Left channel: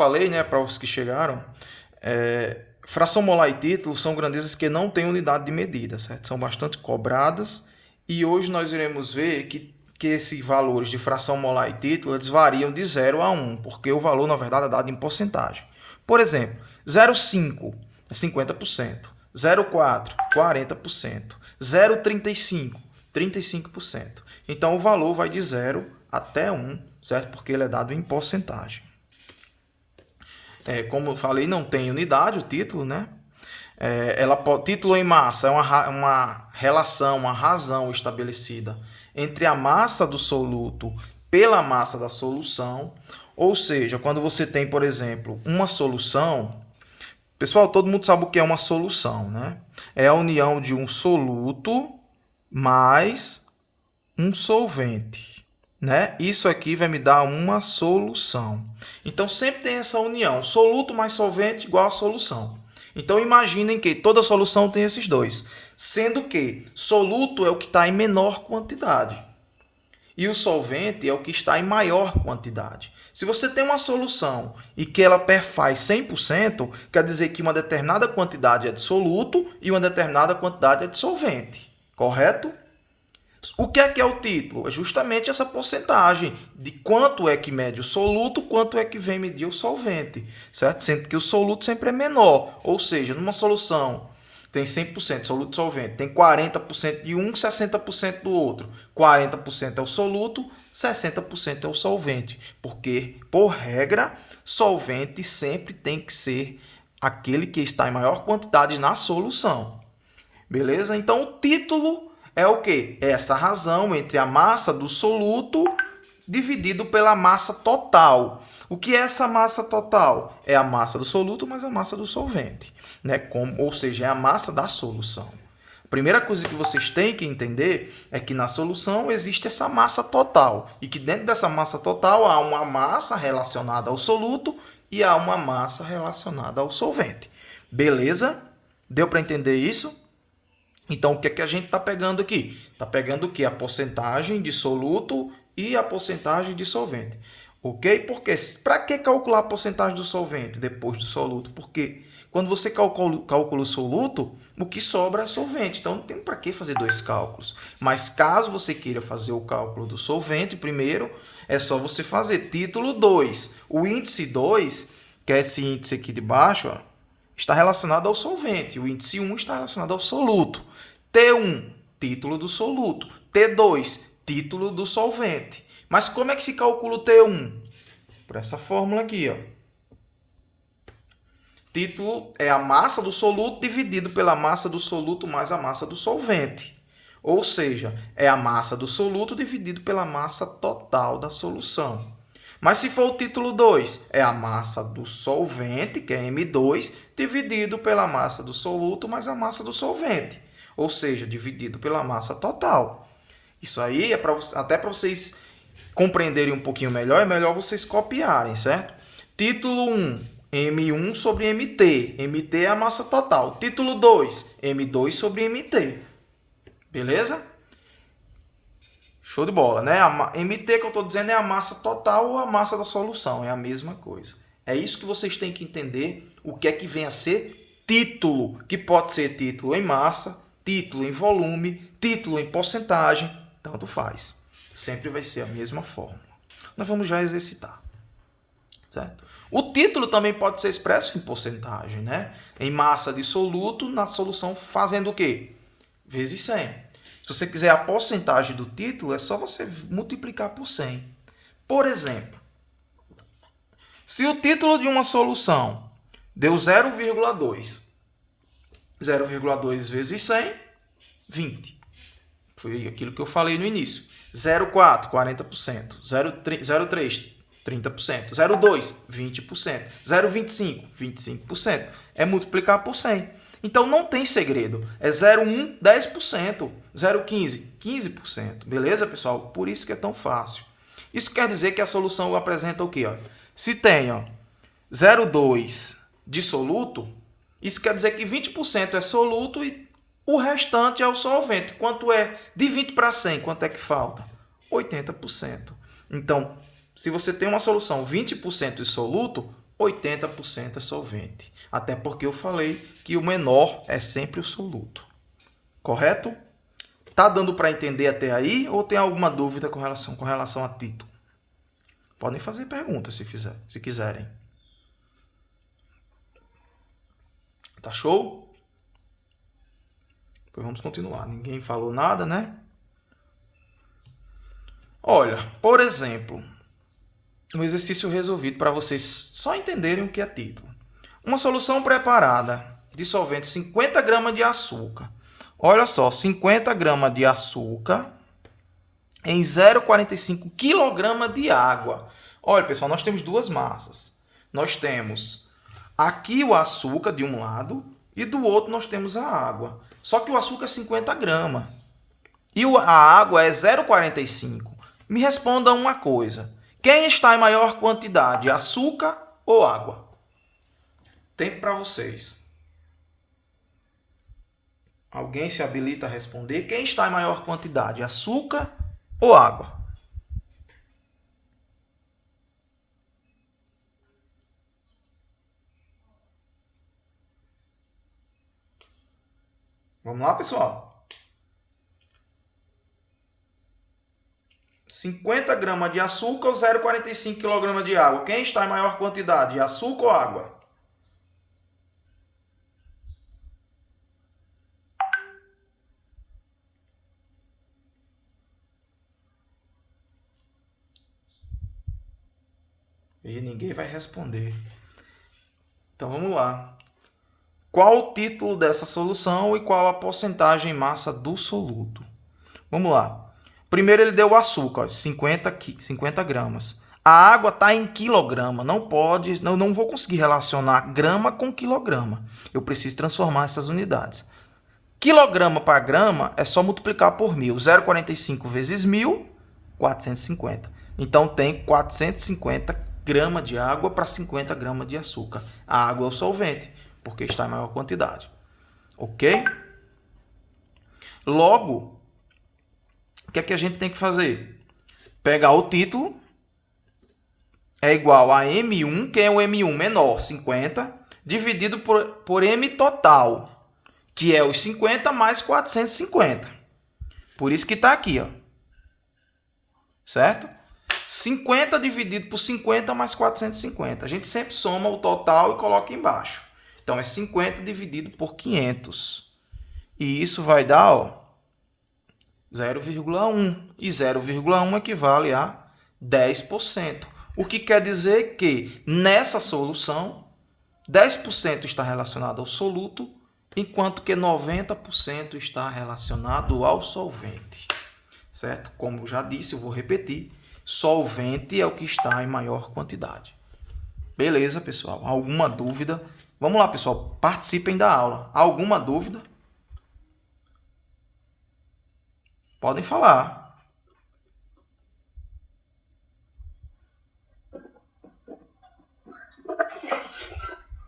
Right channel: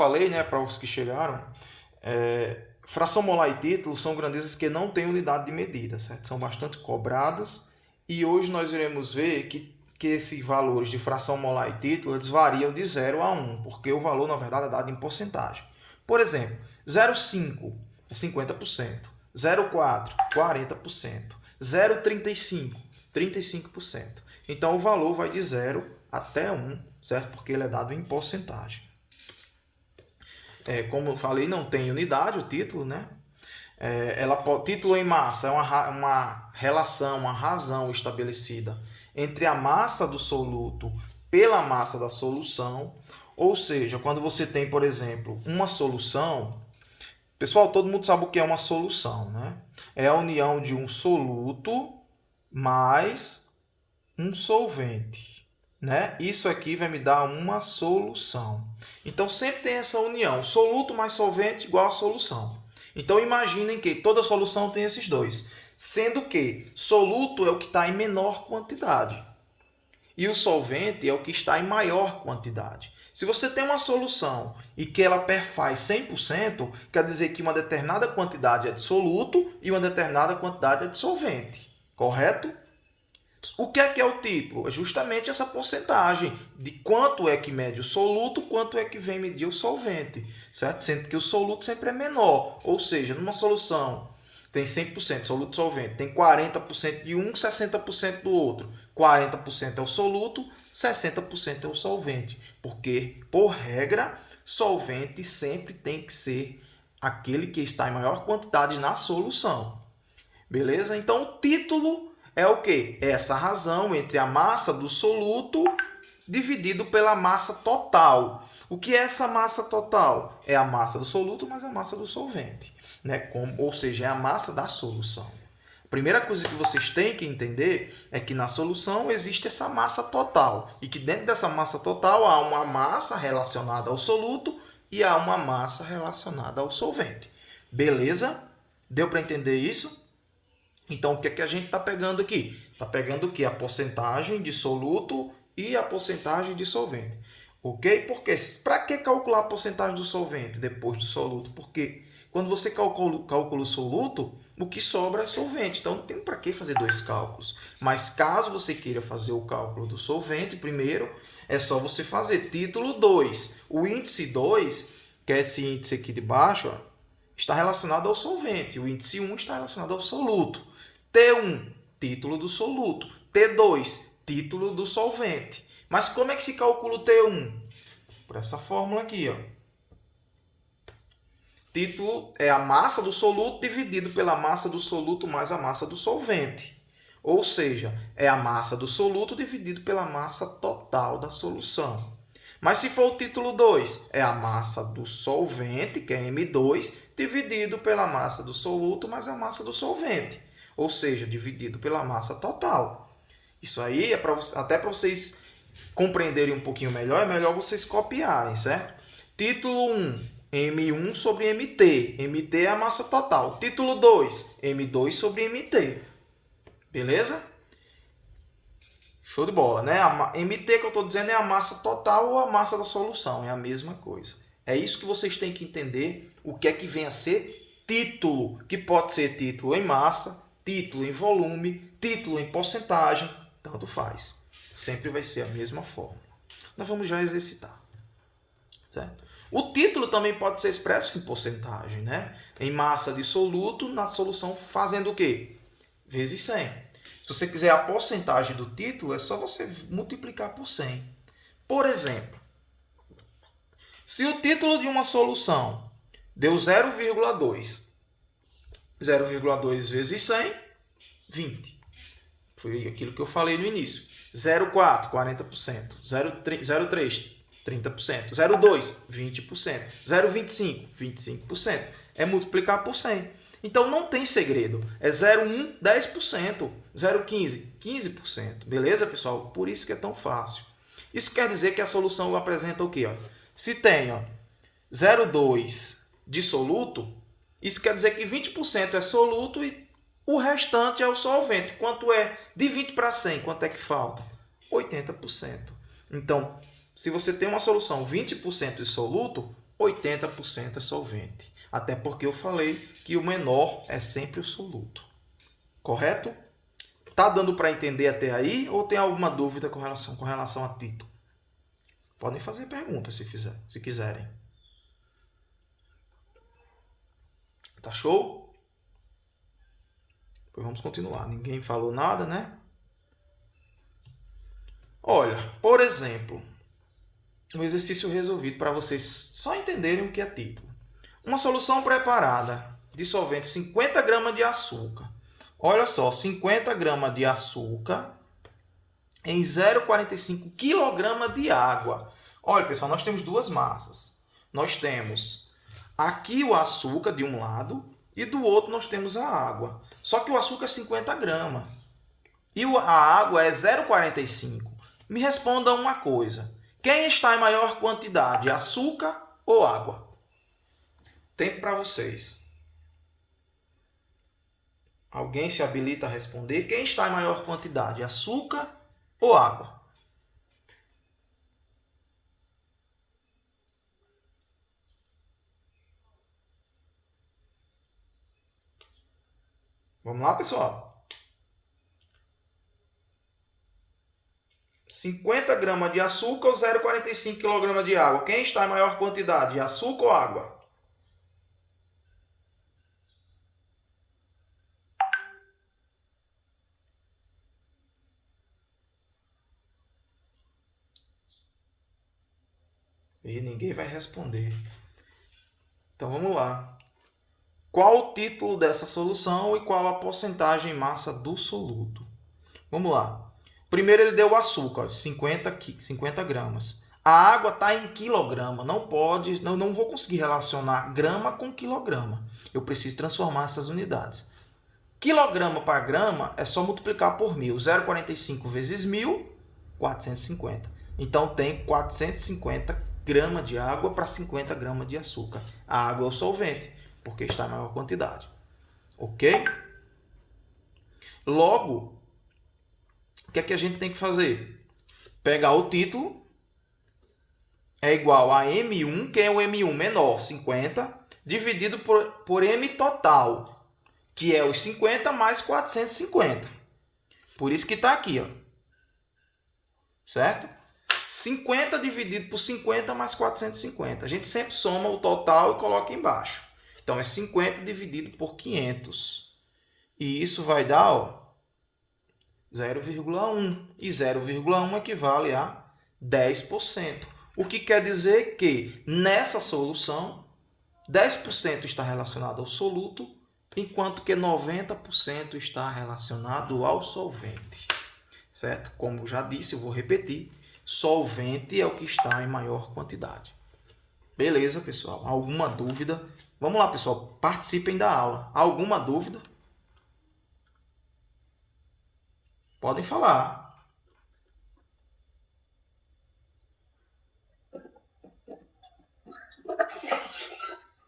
falei, né, para os que chegaram, fração molar e título são grandezas que não têm unidade de medida, certo? São bastante cobradas e hoje nós iremos ver que esses valores de fração molar e título eles variam de 0 a 1, porque o valor, na verdade, é dado em porcentagem. Por exemplo, 0,5 é 50%, 0,4 40%, 0,35 35%. Então, o valor vai de 0 até 1, certo? Porque ele é dado em porcentagem. Como eu falei, não tem unidade o título, né? Título em massa é uma relação, uma razão estabelecida entre a massa do soluto pela massa da solução. Ou seja, quando você tem, por exemplo, uma solução... Pessoal, todo mundo sabe o que é uma solução, né? É a união de um soluto mais um solvente, né? Isso aqui vai me dar uma solução. Então, sempre tem essa união, soluto mais solvente igual a solução. Então, imaginem que toda solução tem esses dois, sendo que soluto é o que está em menor quantidade e o solvente é o que está em maior quantidade. Se você tem uma solução e que ela perfaz 100%, quer dizer que uma determinada quantidade é de soluto e uma determinada quantidade é de solvente, correto? O que é o título? É justamente essa porcentagem de quanto é que mede o soluto, quanto é que vem medir o solvente, certo? Sendo que o soluto sempre é menor, ou seja, numa solução tem 100% soluto solvente, tem 40% de um, 60% do outro. 40% é o soluto, 60% é o solvente, porque, por regra, solvente sempre tem que ser aquele que está em maior quantidade na solução. Beleza? Então, o título é o quê? É essa razão entre a massa do soluto dividido pela massa total. O que é essa massa total? É a massa do soluto mais a massa do solvente, né? Ou seja, é a massa da solução. A primeira coisa que vocês têm que entender é que na solução existe essa massa total e que dentro dessa massa total há uma massa relacionada ao soluto e há uma massa relacionada ao solvente. Beleza? Deu para entender isso? Então, o que é que a gente está pegando aqui? Está pegando o quê? A porcentagem de soluto e a porcentagem de solvente. Ok? Porque para que calcular a porcentagem do solvente depois do soluto? Porque quando você calcula o soluto, o que sobra é solvente. Então, não tem para que fazer dois cálculos. Mas caso você queira fazer o cálculo do solvente primeiro, é só você fazer título 2. O índice 2, que é esse índice aqui de baixo, ó, está relacionado ao solvente. O índice 1 está relacionado ao soluto. T1, título do soluto. T2, título do solvente. Mas como é que se calcula o T1? Por essa fórmula aqui, ó. Título é a massa do soluto dividido pela massa do soluto mais a massa do solvente. Ou seja, é a massa do soluto dividido pela massa total da solução. Mas se for o título 2, é a massa do solvente, que é M2, dividido pela massa do soluto mais a massa do solvente. Ou seja, dividido pela massa total. Isso aí é até para vocês compreenderem um pouquinho melhor, é melhor vocês copiarem, certo? Título 1, M1 sobre MT. MT é a massa total. Título 2, M2 sobre MT. Beleza? Show de bola, né? A MT que eu estou dizendo é a massa total ou a massa da solução. É a mesma coisa. É isso que vocês têm que entender o que é que vem a ser título. Que pode ser título em massa, título em volume, título em porcentagem. Tanto faz. Sempre vai ser a mesma forma. Nós vamos já exercitar. Certo? O título também pode ser expresso em porcentagem, né? Em massa de soluto, na solução fazendo o quê? Vezes 100. Se você quiser a porcentagem do título, é só você multiplicar por 100. Por exemplo, se o título de uma solução deu 0,2, 0,2 vezes 100, 20. Foi aquilo que eu falei no início. 0,4, 40%. 0,3, 30%. 0,2, 20%. 0,25, 25%. É multiplicar por 100. Então, não tem segredo. É 0,1, 10%. 0,15, 15%. Beleza, pessoal? Por isso que é tão fácil. Isso quer dizer que a solução apresenta o quê? Se tem 0,2 de soluto, isso quer dizer que 20% é soluto e o restante é o solvente. Quanto é? De 20 para 100, quanto é que falta? 80%. Então, se você tem uma solução 20% de soluto, 80% é solvente. Até porque eu falei que o menor é sempre o soluto. Correto? Tá dando para entender até aí ou tem alguma dúvida com relação a título? Podem fazer perguntas se quiserem. Tá show? Pois vamos continuar. Ninguém falou nada, né? Olha, por exemplo, um exercício resolvido para vocês só entenderem o que é título. Uma solução preparada, dissolvente 50 gramas de açúcar. Olha só, 50 gramas de açúcar em 0,45 kg de água. Olha, pessoal, nós temos duas massas. Nós temos aqui o açúcar de um lado e do outro nós temos a água. Só que o açúcar é 50 gramas e a água é 0,45. Me responda uma coisa. Quem está em maior quantidade, açúcar ou água? Tempo para vocês. Alguém se habilita a responder? Quem está em maior quantidade, açúcar ou água? Vamos lá, pessoal? 50 gramas de açúcar ou 0,45 kg de água? Quem está em maior quantidade, açúcar ou água? E ninguém vai responder. Então vamos lá. Qual o título dessa solução e qual a porcentagem em massa do soluto? Vamos lá. Primeiro ele deu o açúcar, 50 gramas. A água está em quilograma. Não vou conseguir relacionar grama com quilograma. Eu preciso transformar essas unidades. Quilograma para grama é só multiplicar por 1.000. 0,45 vezes 1.000, 450. Então tem 450 gramas de água para 50 gramas de açúcar. A água é o solvente, porque está em maior quantidade. Ok? Logo, o que é que a gente tem que fazer? Pegar o título, é igual a M1, que é o M1 menor, 50, dividido por M total, que é os 50 mais 450. Por isso que está aqui, ó. Certo? 50 dividido por 50 mais 450. A gente sempre soma o total e coloca embaixo. Então, é 50 dividido por 500. E isso vai dar, ó, 0,1. E 0,1 equivale a 10%. O que quer dizer que, nessa solução, 10% está relacionado ao soluto, enquanto que 90% está relacionado ao solvente. Certo? Como eu já disse, eu vou repetir. Solvente é o que está em maior quantidade. Beleza, pessoal? Alguma dúvida? Vamos lá, pessoal. Participem da aula. Alguma dúvida? Podem falar.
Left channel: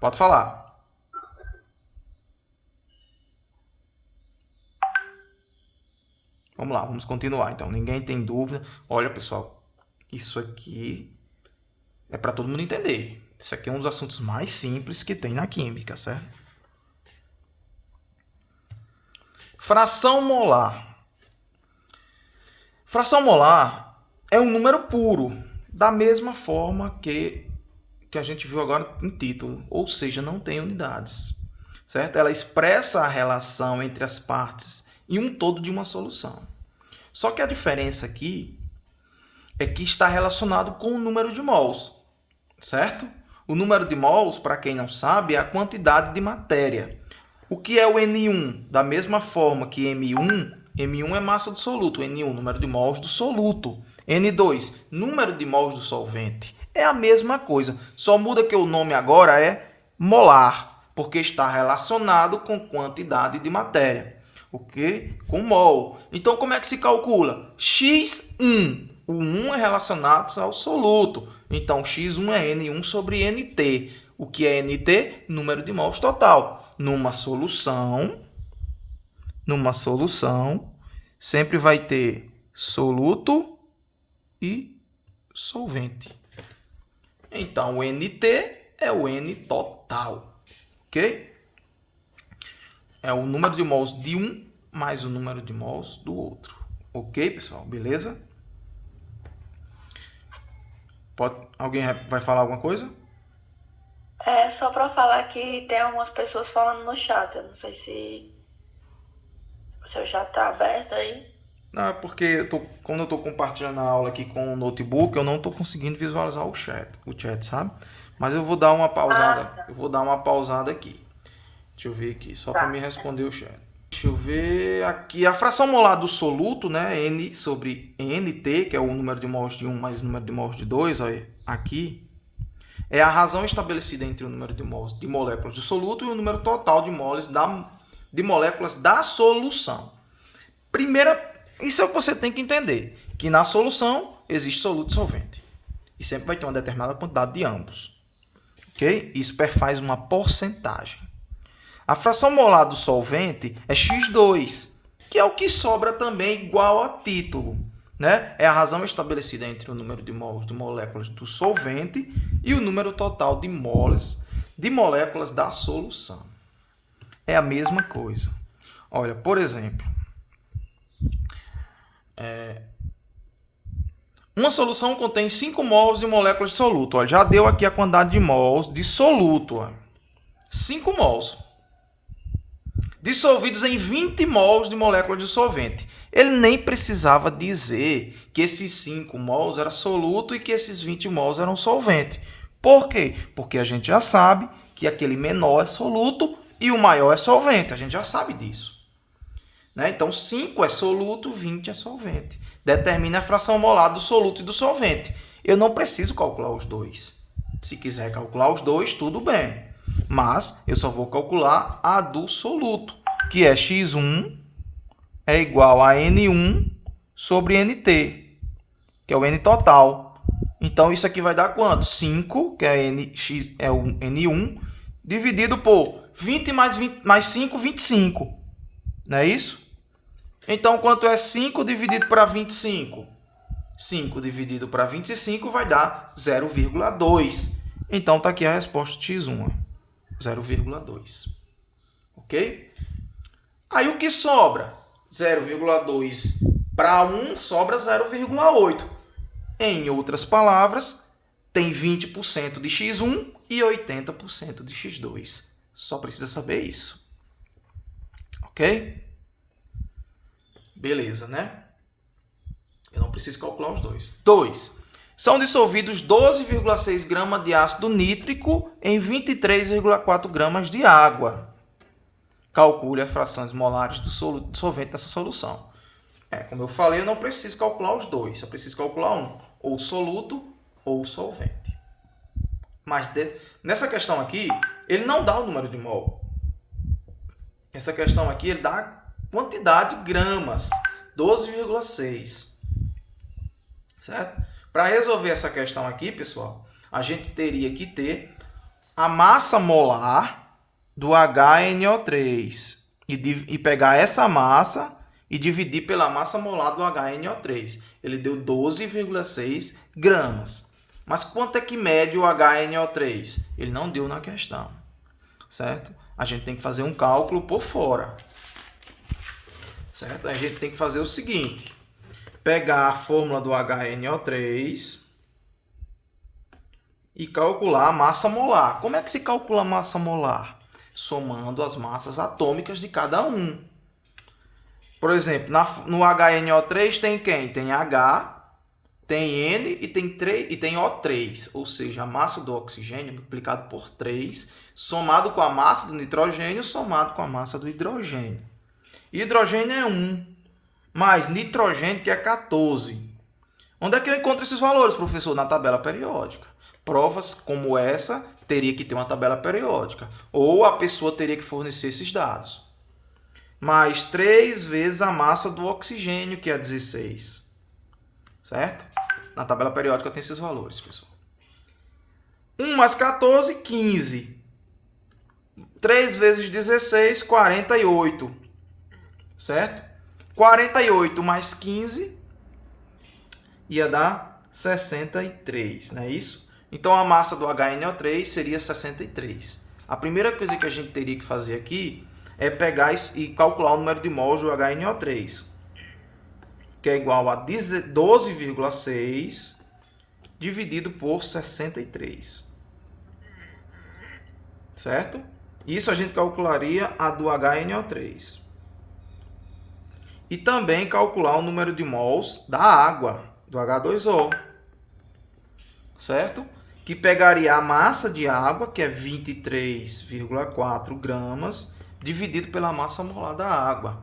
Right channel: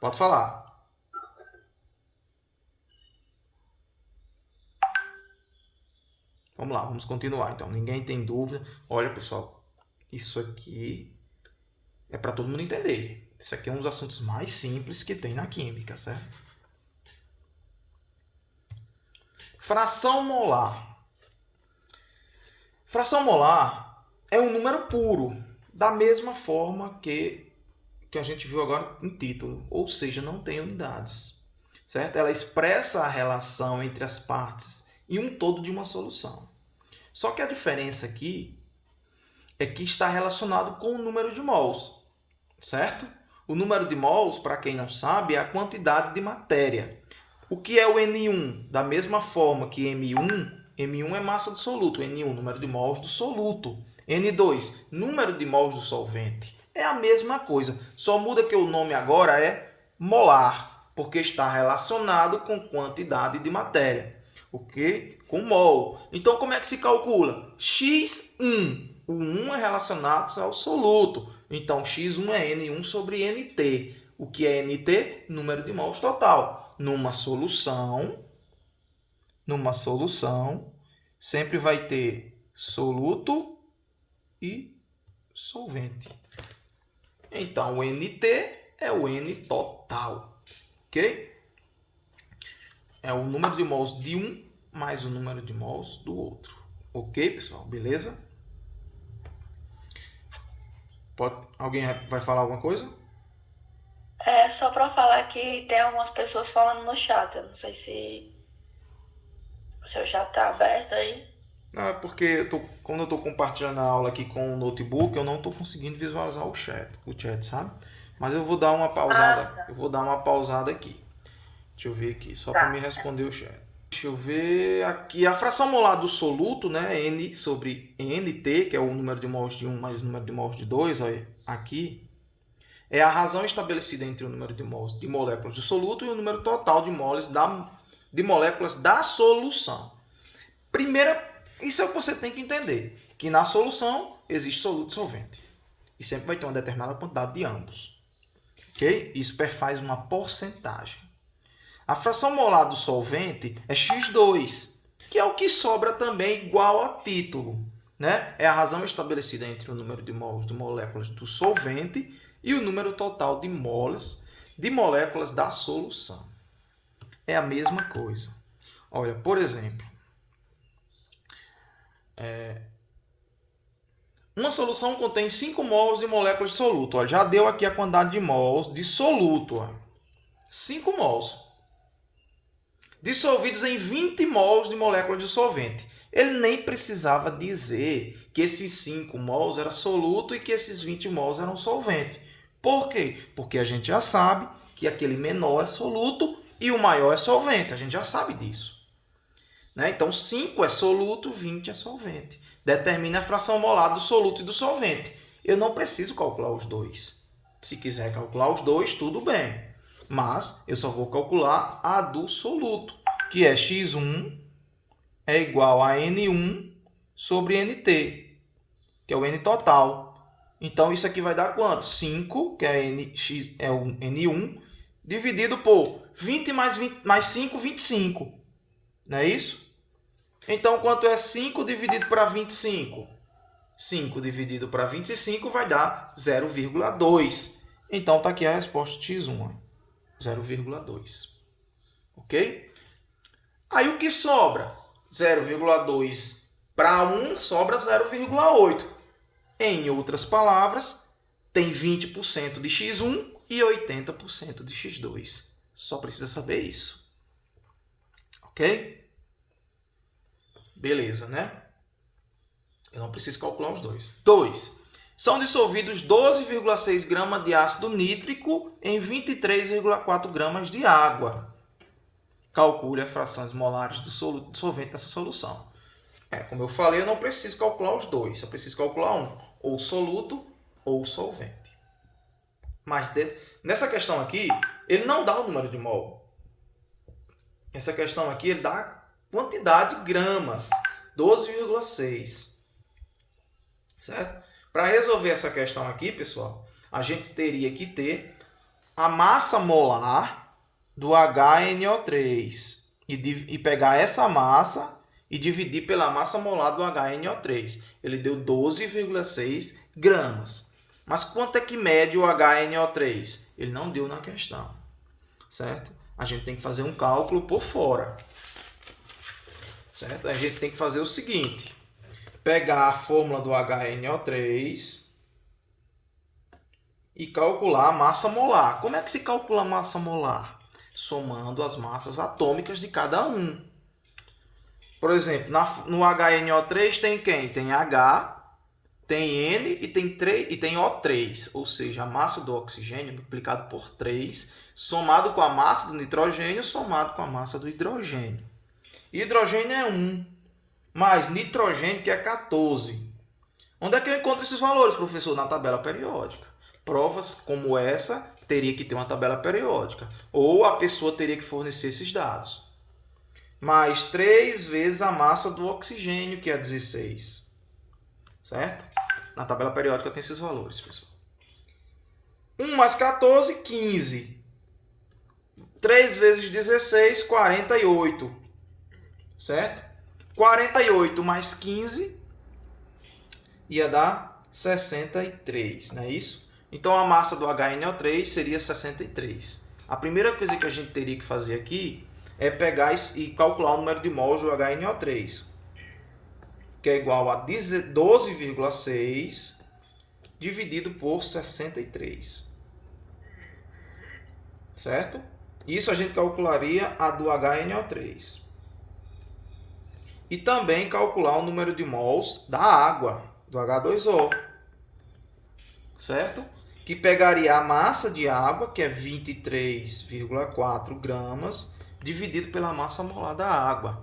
Pode falar. Vamos lá, vamos continuar. Então, ninguém tem dúvida. Olha, pessoal, isso aqui é para todo mundo entender. Isso aqui é um dos assuntos mais simples que tem na química, certo? Fração molar. Fração molar é um número puro, da mesma forma que a gente viu agora em título, ou seja, não tem unidades, certo? Ela expressa a relação entre as partes e um todo de uma solução. Só que a diferença aqui é que está relacionado com o número de mols, certo? O número de mols, para quem não sabe, é a quantidade de matéria. O que é o N1? Da mesma forma que M1 é massa do soluto, N1, número de mols do soluto. N2, número de mols do solvente. É a mesma coisa, só muda que o nome agora é molar, porque está relacionado com quantidade de matéria. Ok? Com mol. Então, como é que se calcula? X1. O 1 é relacionado ao soluto. Então, X1 é N1 sobre NT. O que é NT? Número de mols total. Numa solução, sempre vai ter soluto e solvente. Então, o NT é o N total, ok? É o número de mols de um mais o número de mols do outro, ok, pessoal? Beleza? Alguém vai falar alguma coisa? É só para falar que tem algumas pessoas falando no chat. Eu não sei se seu chat tá aberto aí. Não, é porque quando eu estou compartilhando a aula aqui com o notebook, eu não estou conseguindo visualizar o chat, sabe? Mas eu vou dar uma pausada, Ah, eu vou dar uma pausada aqui. Deixa eu ver aqui, só para me tá. responder o chat. Deixa eu ver aqui, a fração molar do soluto, né, N sobre NT, que é o número de mols de 1 mais o número de mols de 2, olha, aqui, é a razão estabelecida entre o número de mols de moléculas do soluto e o número total de moles de moléculas da solução. Primeira, isso é o que você tem que entender, que na solução existe soluto e solvente. E sempre vai ter uma determinada quantidade de ambos. Ok? Isso perfaz uma porcentagem. A fração molar do solvente é x2, que é o que sobra também igual a título. Né? É a razão estabelecida entre o número de mols de moléculas do solvente e o número total de moles de moléculas da solução. É a mesma coisa. Olha, por exemplo, uma solução contém 5 mols de moléculas de soluto. Olha, já deu aqui a quantidade de mols de soluto. Olha. 5 mols. Dissolvidos em 20 mols de moléculas de solvente. Ele nem precisava dizer que esses 5 mols eram soluto e que esses 20 mols eram solvente. Por quê? Porque a gente já sabe que aquele menor é soluto e o maior é solvente. A gente já sabe disso. Né? Então, 5 é soluto, 20 é solvente. Determina a fração molar do soluto e do solvente. Eu não preciso calcular os dois. Se quiser calcular os dois, tudo bem. Mas eu só vou calcular a do soluto, que é x1 é igual a N1 sobre NT, que é o N total. Então, isso aqui vai dar quanto? 5, que é, é o N1, dividido por 20 mais 5, 25. Não é isso? Então, quanto é 5 dividido para 25? 5 dividido para 25 vai dar 0,2. Então, está aqui a resposta de x1, 0,2. Ok? Aí, o que sobra? 0,2 para 1 sobra 0,8. Em outras palavras, tem 20% de x1 e 80% de x2. Só precisa saber isso. Ok? Beleza, né? Eu não preciso calcular os dois. 2. São dissolvidos 12,6 gramas de ácido nítrico em 23,4 gramas de água. Calcule as frações molares do solvente dessa solução. Como eu falei, eu não preciso calcular os dois. Eu preciso calcular um, ou soluto ou solvente. Mas nessa questão aqui, ele não dá o número de mol. Essa questão aqui, ele dá a quantidade de gramas, 12,6. Certo? Para resolver essa questão aqui, pessoal, a gente teria que ter a massa molar do HNO3 e pegar essa massa e dividir pela massa molar do HNO3. Ele deu 12,6 gramas. Mas quanto é que mede o HNO3? Ele não deu na questão. Certo? A gente tem que fazer um cálculo por fora. Certo? A gente tem que fazer o seguinte: pegar a fórmula do HNO3 e calcular a massa molar. Como é que se calcula a massa molar? Somando as massas atômicas de cada um. Por exemplo, no HNO3 tem quem? Tem H, tem N e tem O3. Ou seja, a massa do oxigênio multiplicado por 3, somado com a massa do nitrogênio, somado com a massa do hidrogênio. Hidrogênio é 1, mais nitrogênio, que é 14. Onde é que eu encontro esses valores, professor? Na tabela periódica. Provas como essa teria que ter uma tabela periódica. Ou a pessoa teria que fornecer esses dados. Mais 3 vezes a massa do oxigênio, que é 16. Certo? Na tabela periódica tem esses valores, pessoal. 1 mais 14, 15. 3 vezes 16, 48. Certo? 48 mais 15 ia dar 63, não é isso? Então, a massa do HNO3 seria 63. A primeira coisa que a gente teria que fazer aqui é pegar e calcular o número de mols do HNO3, que é igual a 12,6 dividido por 63. Certo? Isso a gente calcularia a do HNO3. E também calcular o número de mols da água, do H2O. Certo? Que pegaria a massa de água, que é 23,4 gramas, dividido pela massa molar da água.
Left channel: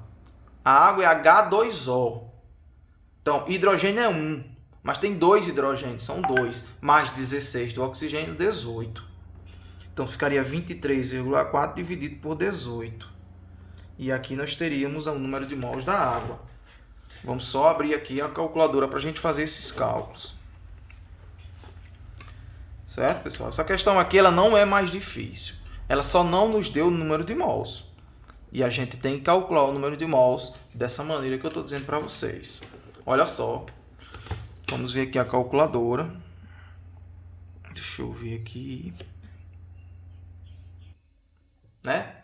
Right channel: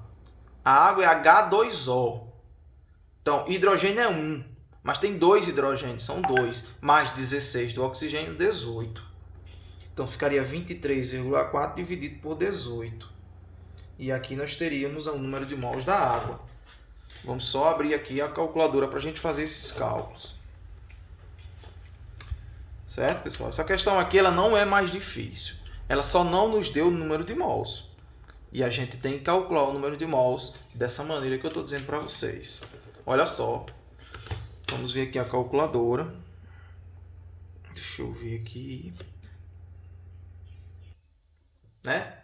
A água é H2O. Então, hidrogênio é 1, mas tem 2 hidrogênios, são 2, mais 16 do oxigênio, 18. Então, ficaria 23,4 dividido por 18. E aqui nós teríamos o número de mols da água. Vamos só abrir aqui a calculadora para a gente fazer esses cálculos. Certo, pessoal? Essa questão aqui ela não é mais difícil. Ela só não nos deu o número de mols. E a gente tem que calcular o número de mols dessa maneira que eu estou dizendo para vocês. Olha só. Vamos ver aqui a calculadora. Deixa eu ver aqui. Né?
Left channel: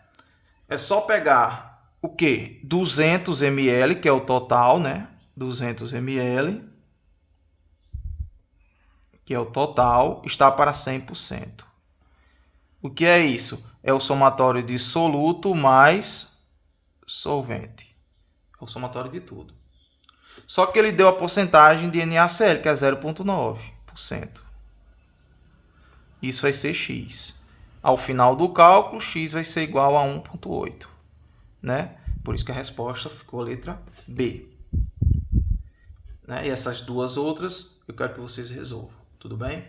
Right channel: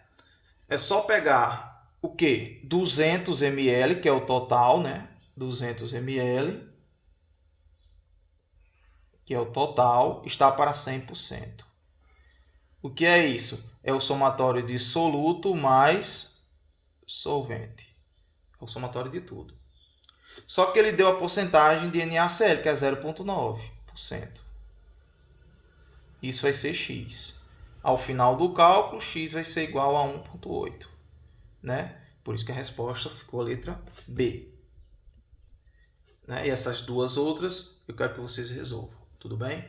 É só pegar o quê? 200 ml, que é o total, né? 200 ml, que é o total, está para 100%. O que é isso? É o somatório de soluto mais solvente. É o somatório de tudo. Só que ele deu a porcentagem de NaCl, que é 0,9%. Isso vai ser X. Ao final do cálculo, X vai ser igual a 1,8. Né? Por isso que a resposta ficou a letra B. Né? E essas duas outras, eu quero que vocês resolvam. Tudo bem?